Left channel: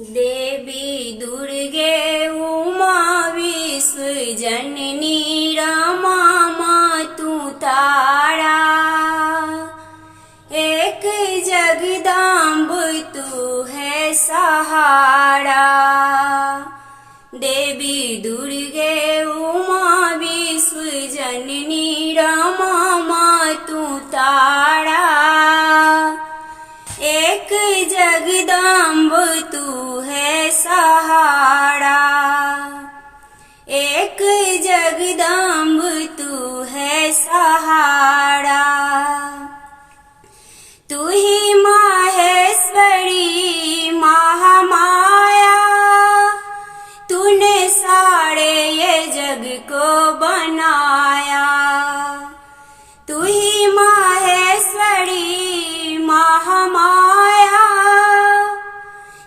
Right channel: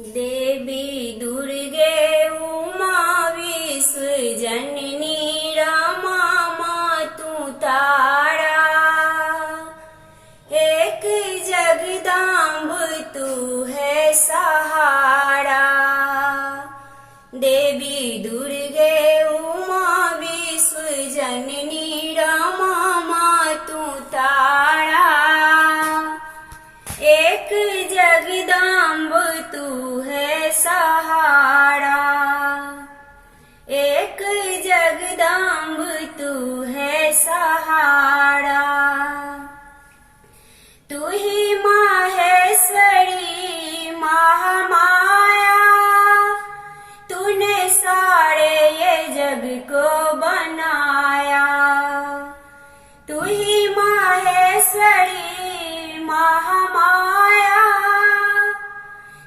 देवी दुर्गे उमा विश्व जननी रमा मातु तारा। एक जगदम्ब तू है सहारा। देवी दुर्गे उमा विश्व जननी रमा मातु तारा। एक जगदम्ब तू है सहारा। एक जगदम्ब तू है सहारा। तू ही माहेश्वरी महामाया। तूने सारे ये जग को बनाया। तू ही माहेश्वरी महामाया।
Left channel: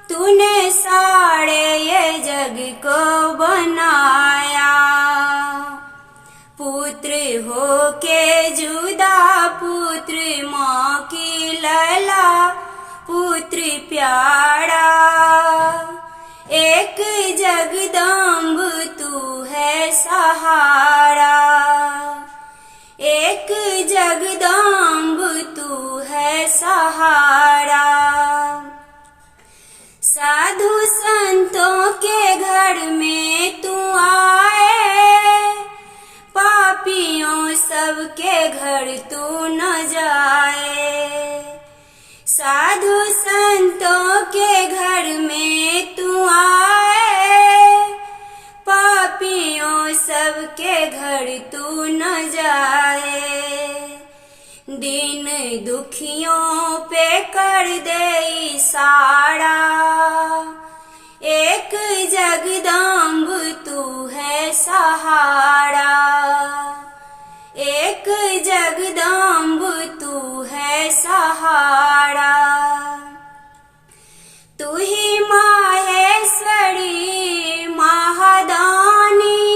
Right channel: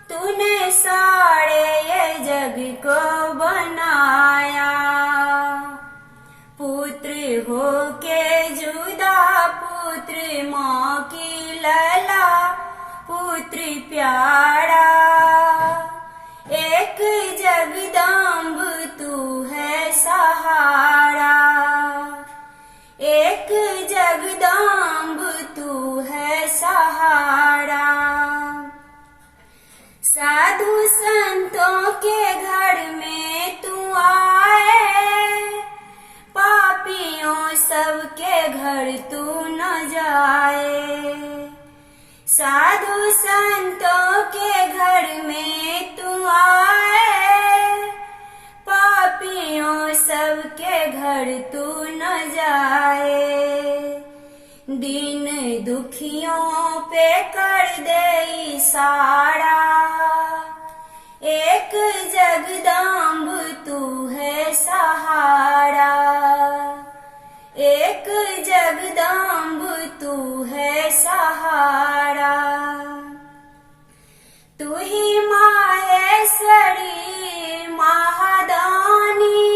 तूने सारे ये जग को बनाया। पुत्र हो के जुदा पुत्र माँ की लला पुत्र प्यारा। एक जगदम्ब तू है सहारा। एक जगदम्ब तू है सहारा। साधु संतों के घर में तू आए। पापियों सबके घर तू न जाए। साधु संतों के घर में तू आए। पापियों सबके घर तू न जाए। दीन दुखियों पे कर दे इशारा। एक जगदम्ब तू है सहारा। एक जगदम्ब तू है सहारा। तू ही माहेश्वरी महादानी।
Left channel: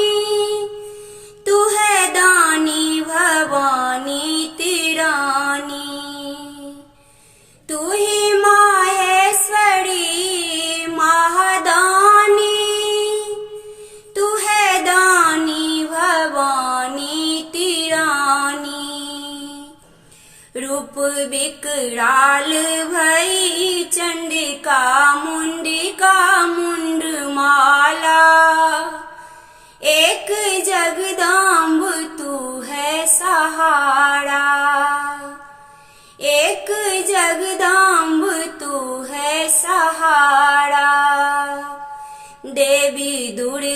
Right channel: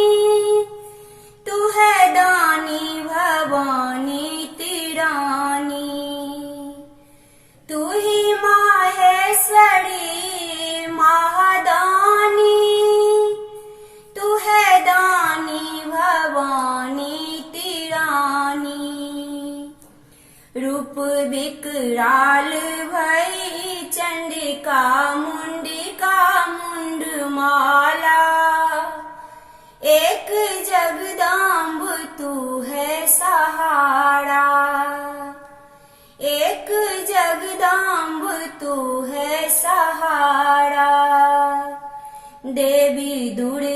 तू है दानी भवानी तिरानी। तू ही माहेश्वरी महादानी। तू है दानी भवानी तिरानी। रूप विकराल भई चंडिका मुंडिका मुंड माला। एक जगदम्ब तू है सहारा। एक जगदम्ब तू है सहारा। देवी दुर्गे